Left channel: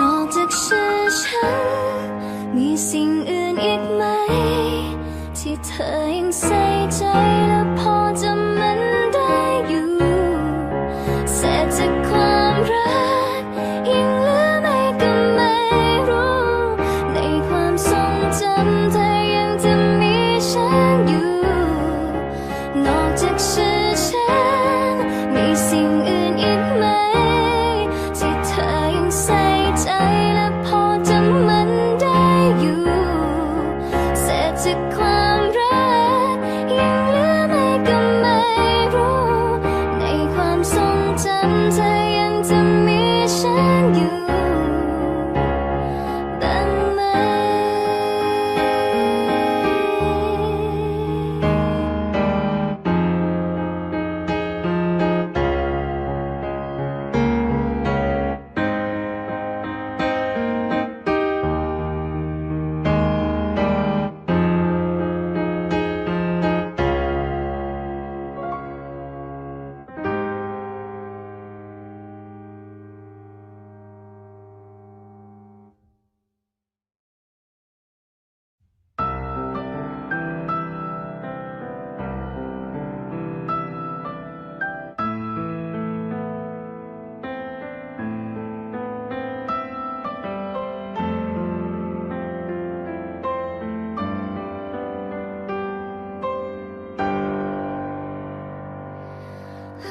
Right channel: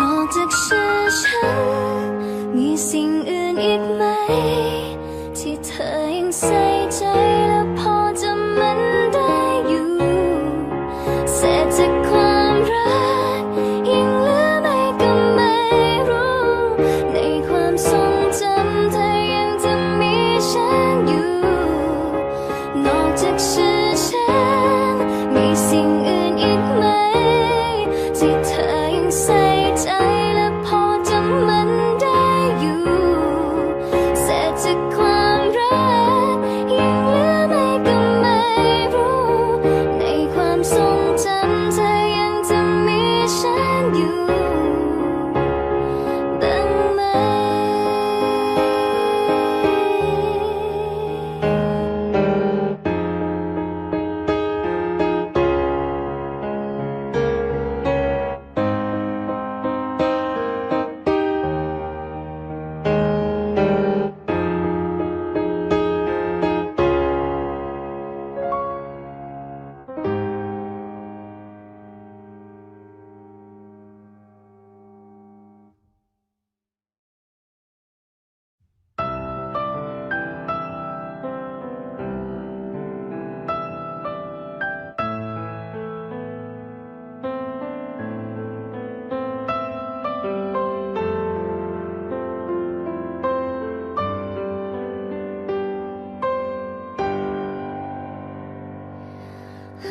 นอกจากชื่อฉัน มีสิ่งอื่นอีกไหม ที่เธอยังใส่ใจและพอจะมันได้อยู่เสียจากความรักยังเหลือไม่ก็ไม่รู้ ในความทรงจำเธอยังจะมีฉันอยู่ นอกจากชื่อฉัน มีสิ่งอื่น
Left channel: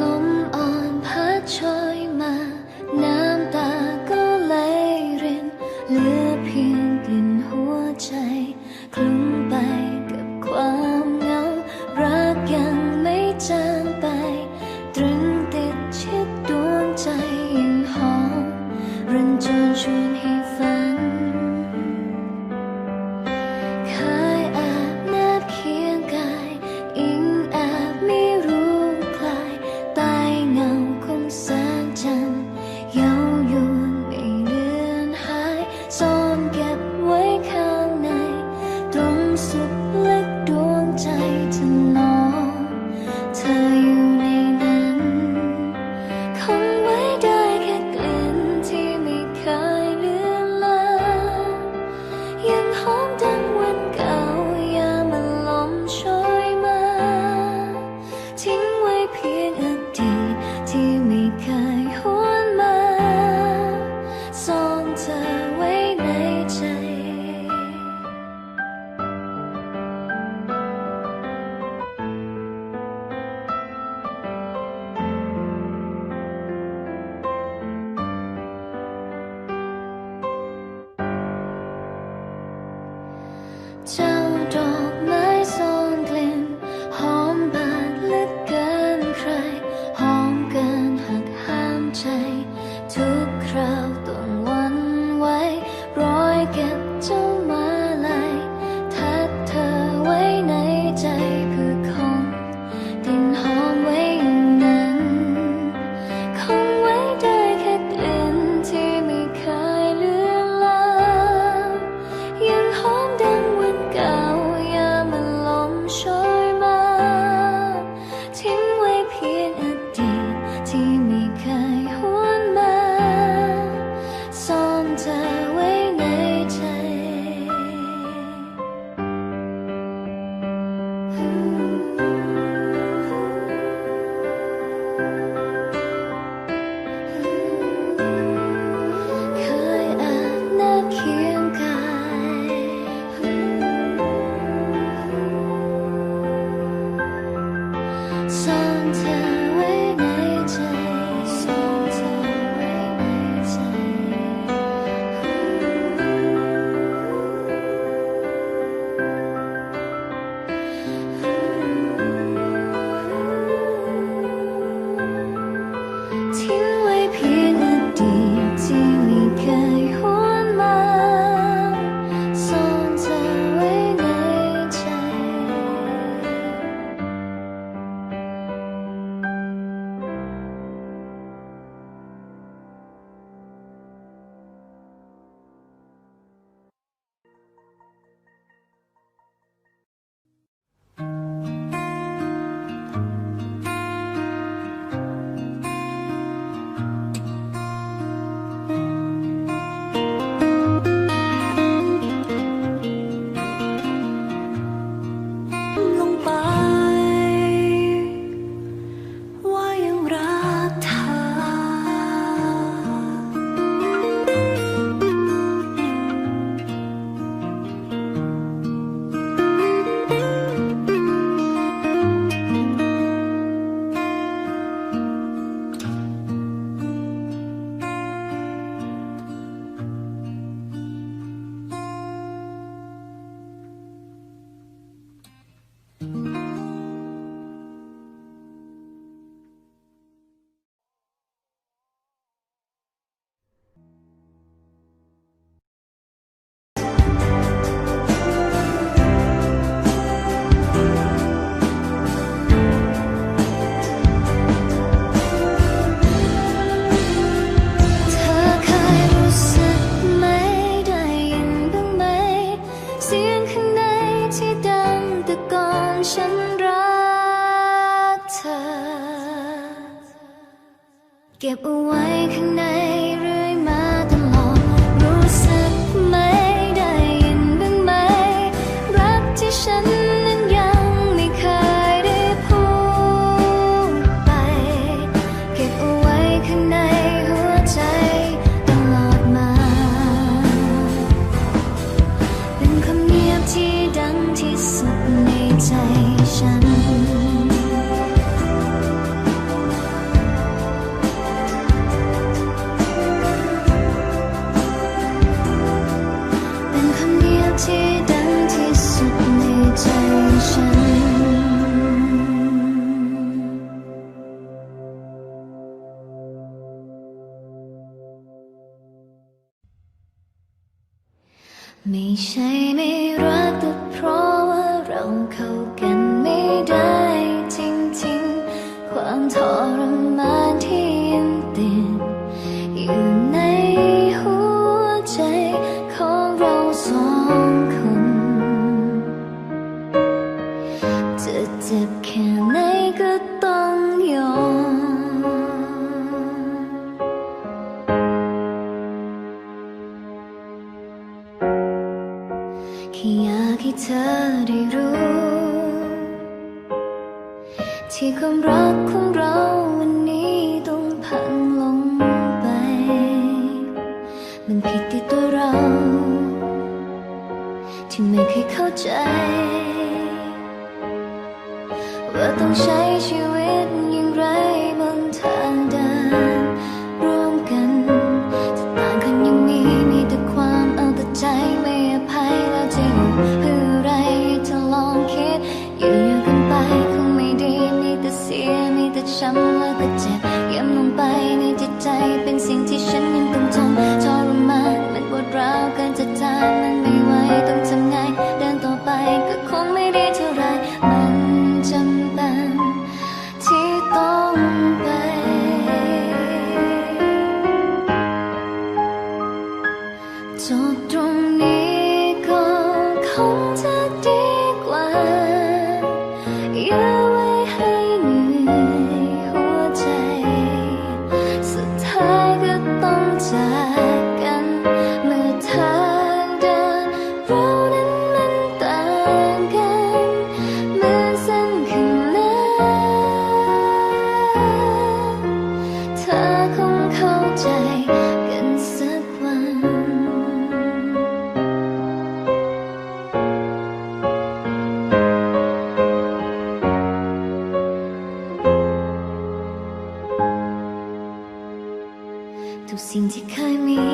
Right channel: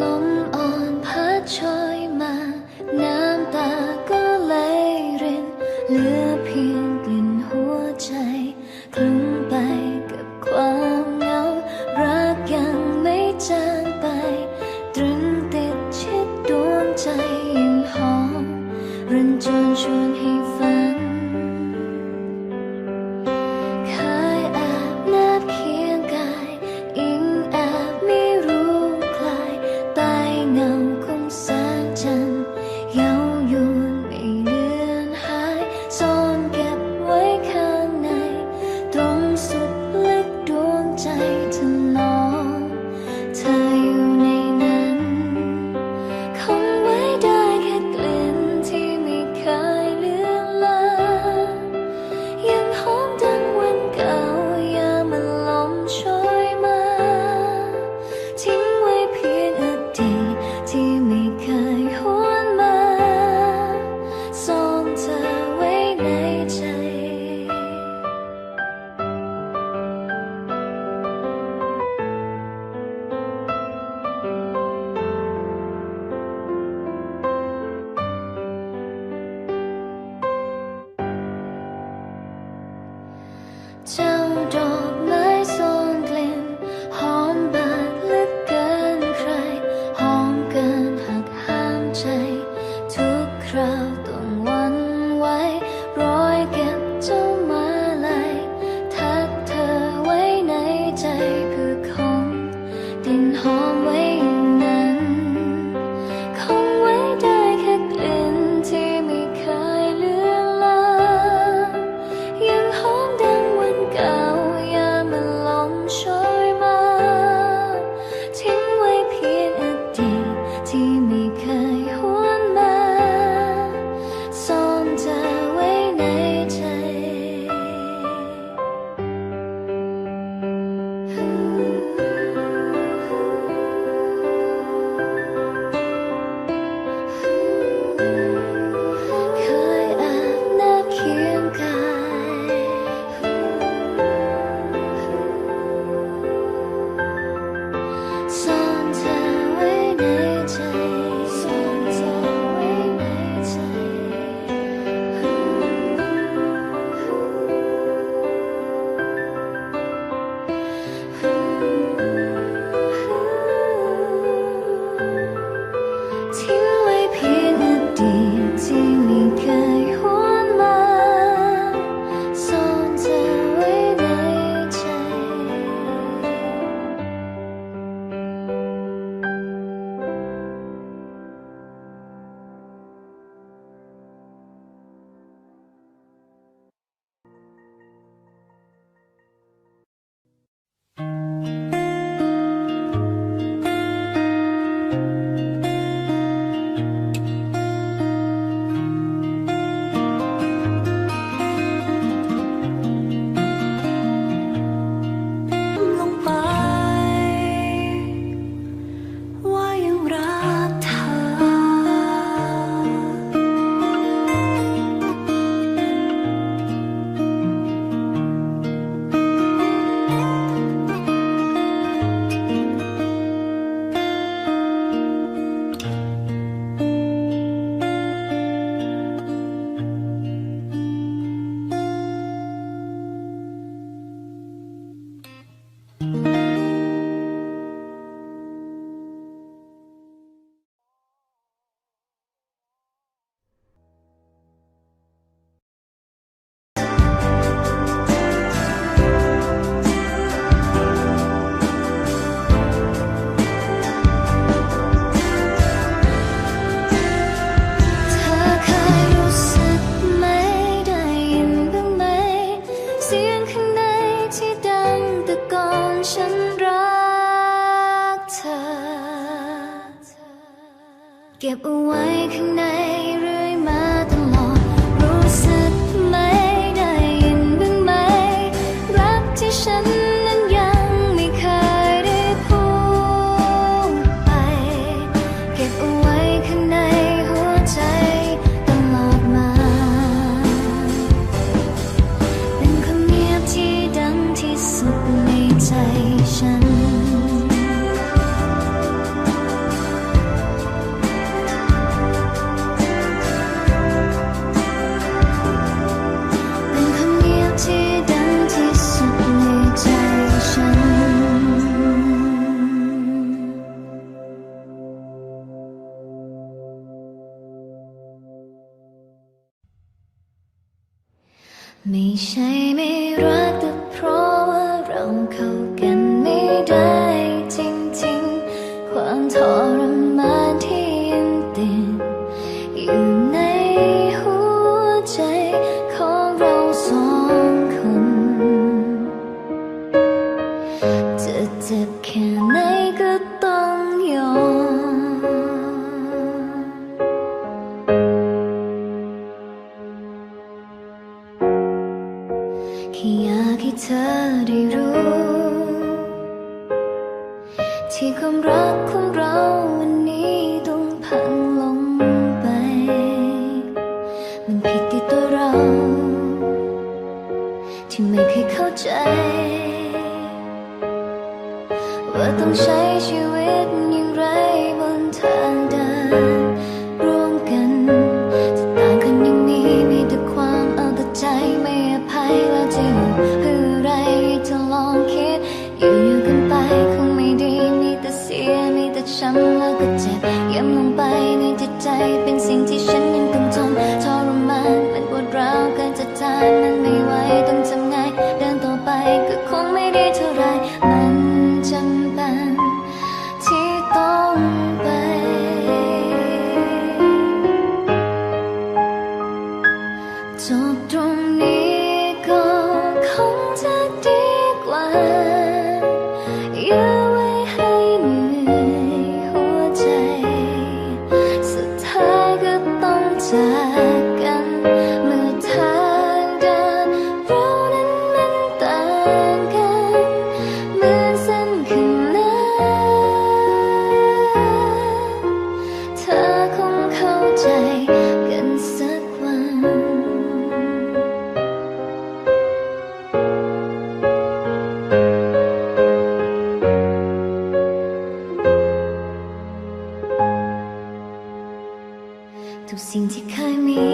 ลมอ่อนพัดโอยมา น้ำตา ใจทุกคราว ก็บเอาไว้ข้างในเรื่อยมาตลอด รู้สึกไหมได้ยินบ้างไหม รักที่ฉันนั้นยังไม่เคยได้พูดไป เก็บเอาไว้ข้างในหัวใจตลอดมา เป็นคำเงียบที่ดังที่สุดในใจฉัน ไม่ใช่ไม่รักแต่เพราะว่าเราเข้ากันไม่ได้จริงๆ ความทรมานที่ แค่อยากให้เธอได้รู้ ที่ความรักของเราวันนี้ต้องพังลงไป มันผิดที่ตัวเรา ที่ไม่เคยเข้าใจ ว่าต้องใช้ชีวิต อยู่อยู่กันไปคงไม่ดีมีแต่เสียมีแต่ช้ำแล้วก็เจ็บย้ำลงไปในจิตใจเป็นสิ่งที่ฉันยังต้องทนทรมานมันปวดร้าวเกินจะทานมันไม่ไหวต้องทำไงเดินต่อไปก็คงไม่ดีเท่าไรมันจำ ทุกสิ่งที่เคยมี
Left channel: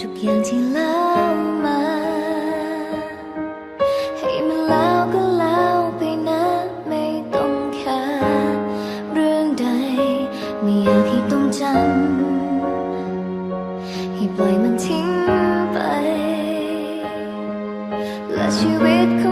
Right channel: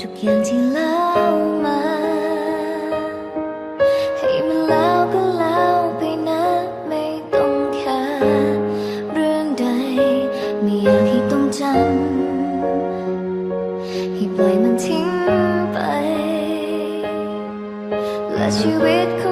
ทุกอย่างที่เล่ามา ให้มันแล้วก็แล้วไปนะไม่ต้องแค่เรื่องใด ไม่อยากให้ต้องจำให้ปล่อยมันทิ้งไป และชีวิตของ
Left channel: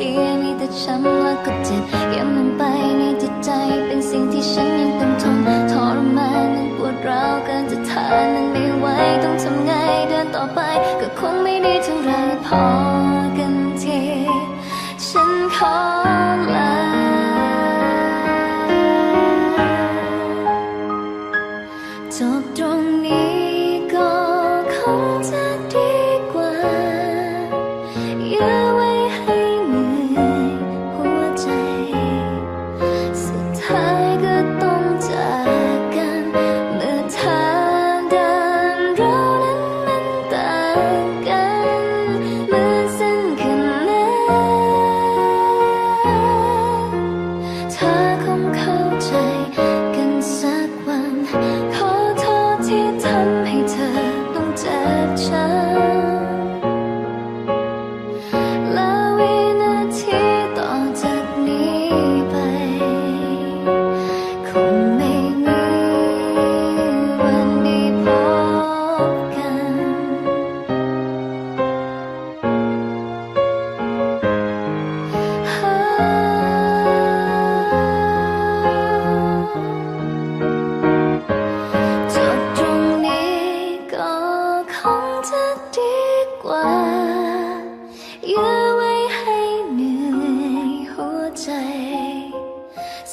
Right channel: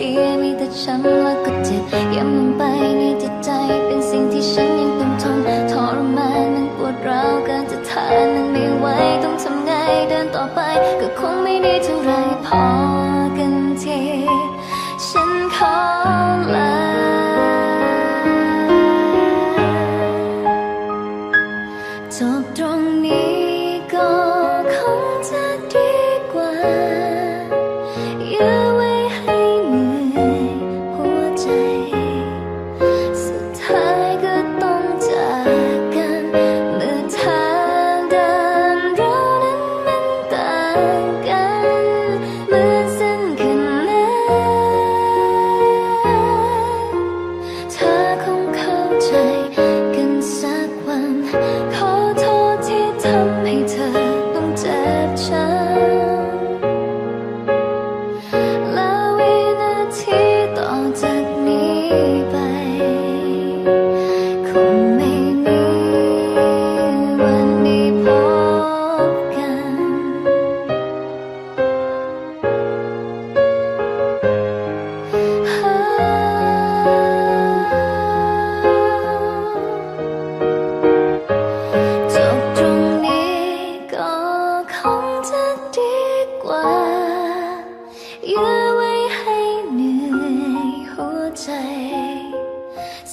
สียมีแต่ช้ำแล้วก็เจ็บย้ำลงไปในจิตใจเป็นสิ่งที่ฉันยังต้องทนทรมานมันปวดร้าวเกินจะทานมันไม่ไหวต้องทำไงเดินต่อไปก็คงไม่ดีเท่าไรพอกันทีฉันขอลาจบตรงนี้ก็ เจ็บช้ำ ว่ายื้อไว้ให้เหนื่อยหัวใจ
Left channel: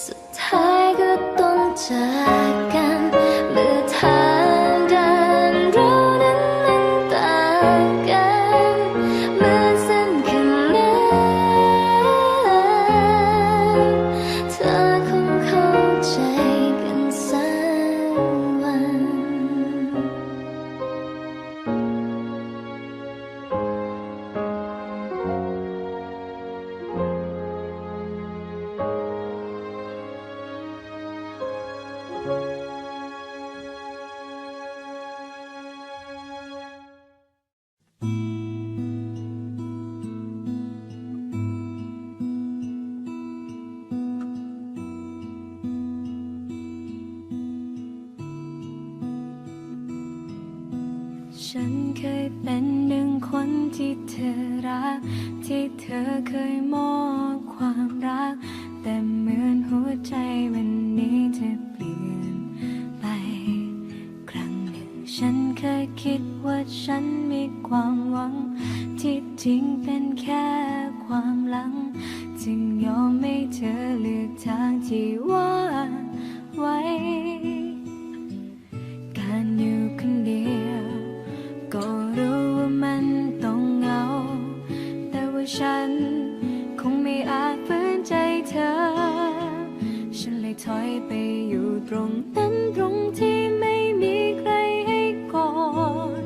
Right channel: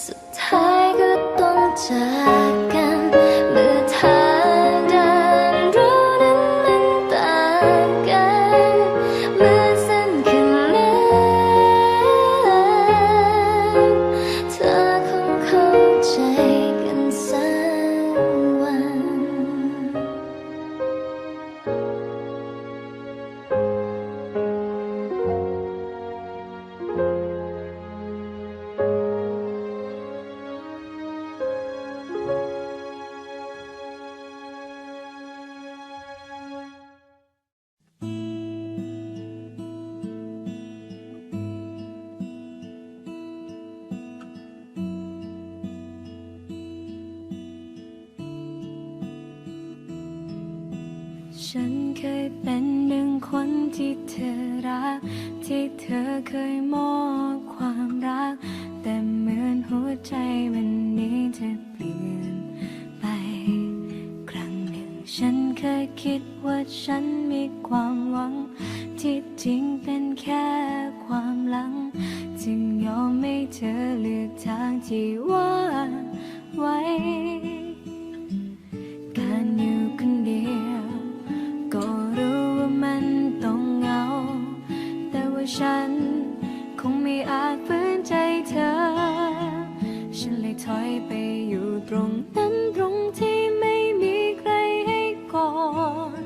สุดท้ายก็ต้องจาก ฉันเคยเป็นหนึ่งคนที่เธอรัก ที่เธอเคยมอบ เลยถอยไปอยู่ตรงนั้นตรงที่ไม่มีใครให้กอด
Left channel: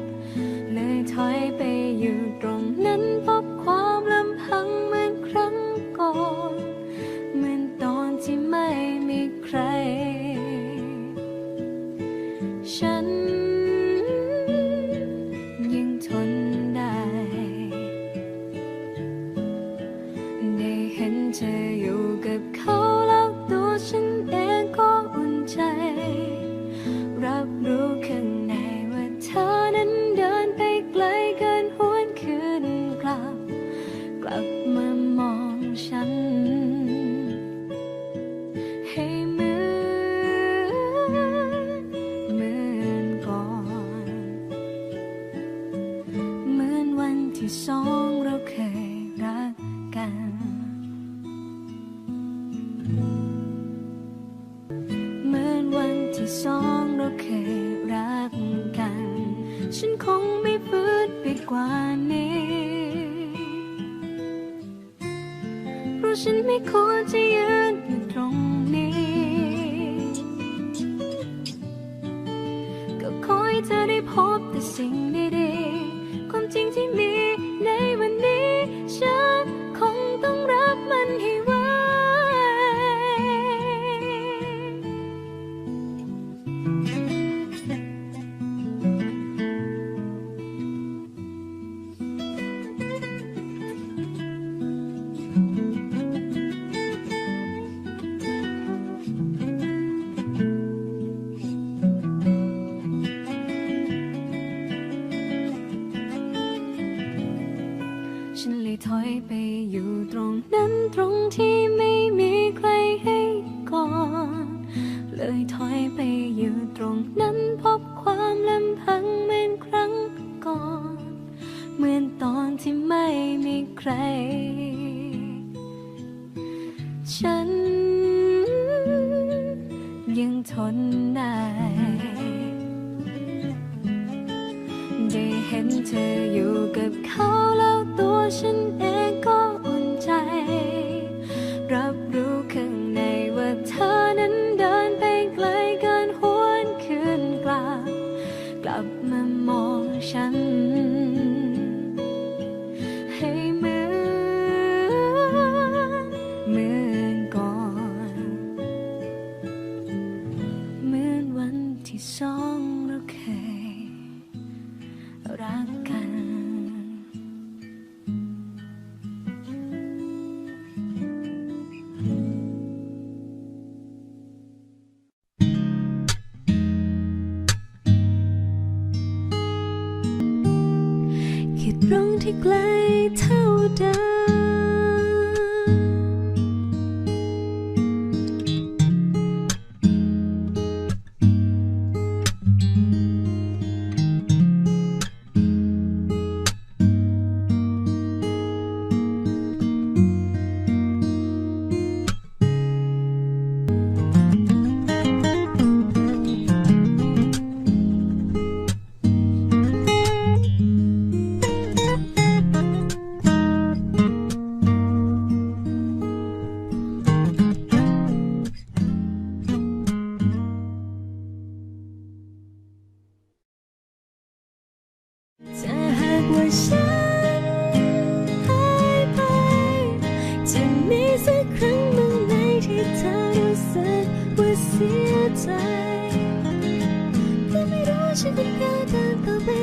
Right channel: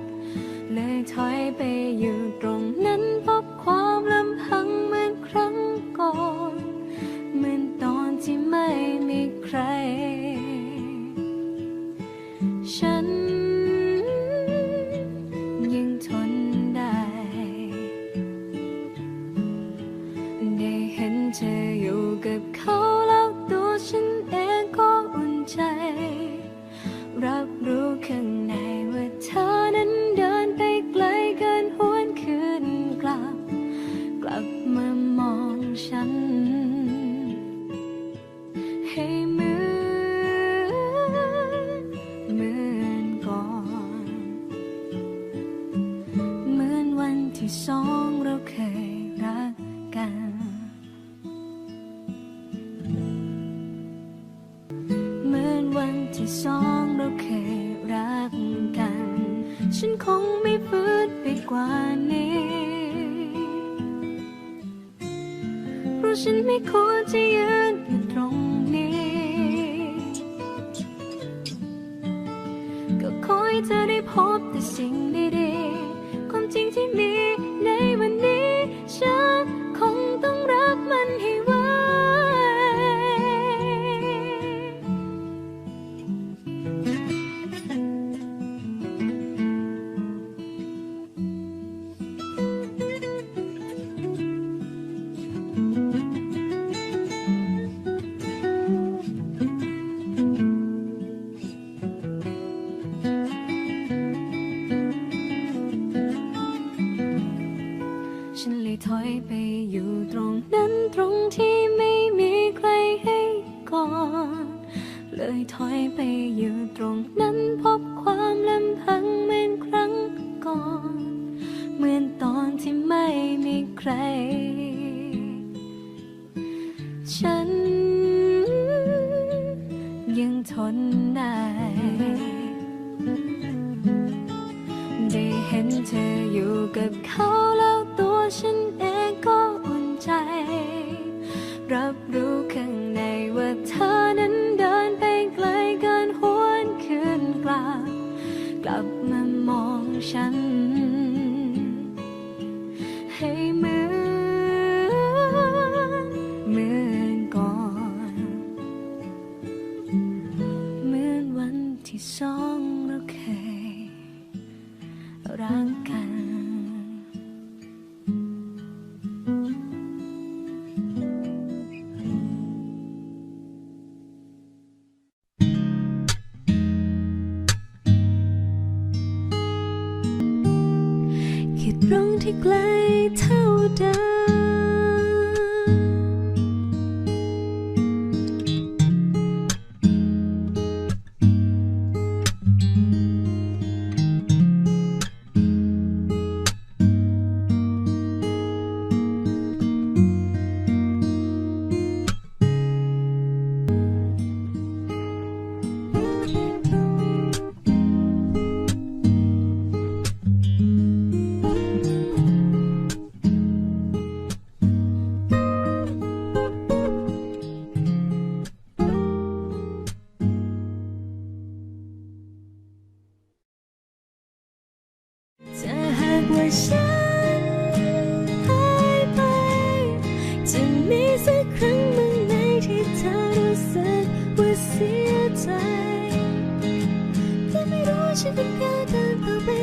เลยถอยไปอยู่ตรงนั้นพบความลำพังเหมือนครั้งก่อนเหมือนตอนที่ไม่มีใคร ฉันยังทนได้ ได้เห็นเธออยู่กับเขา รับรู้ข้างในว่าเธอนั้นเดินไปไกลเกินหวนคืนกลับ กลับมามองฉัน ฉันคงไม่ฝืนไปกว่านี้ เพราะฉันไม่ควรจะยืนอยู่ตรงนี้ ก็ขอให้เธอได้พบแต่สิ่งดีๆ ความจริงที่มีในวันนี้ ฉันคงต้องรับ ไปอยู่ตรงนั้นตรงที่ไม่มีใครให้ก่อน เลยถอยไปอยู่ตรงนั้นพบความลำพังเหมือนครั้งก่อน เหมือนตอนที่ไม่มีใคร ฉันยังทนได้ได้เห็นเธออยู่กับเขาแล้วตัว ฉันเองก็อุ่นใจ รับรู้ข้างในว่าเธอนั้นเดินไปไกลเกินหวนคืนกลับ กลับมามองฉัน ไกลเท่าใด ฉันหายไป จะมีสักครั้งบางไหนที่เธอรู้สึกว่าเสียใจก็ไม่รู้ว่าฉันควรเดินต่อไป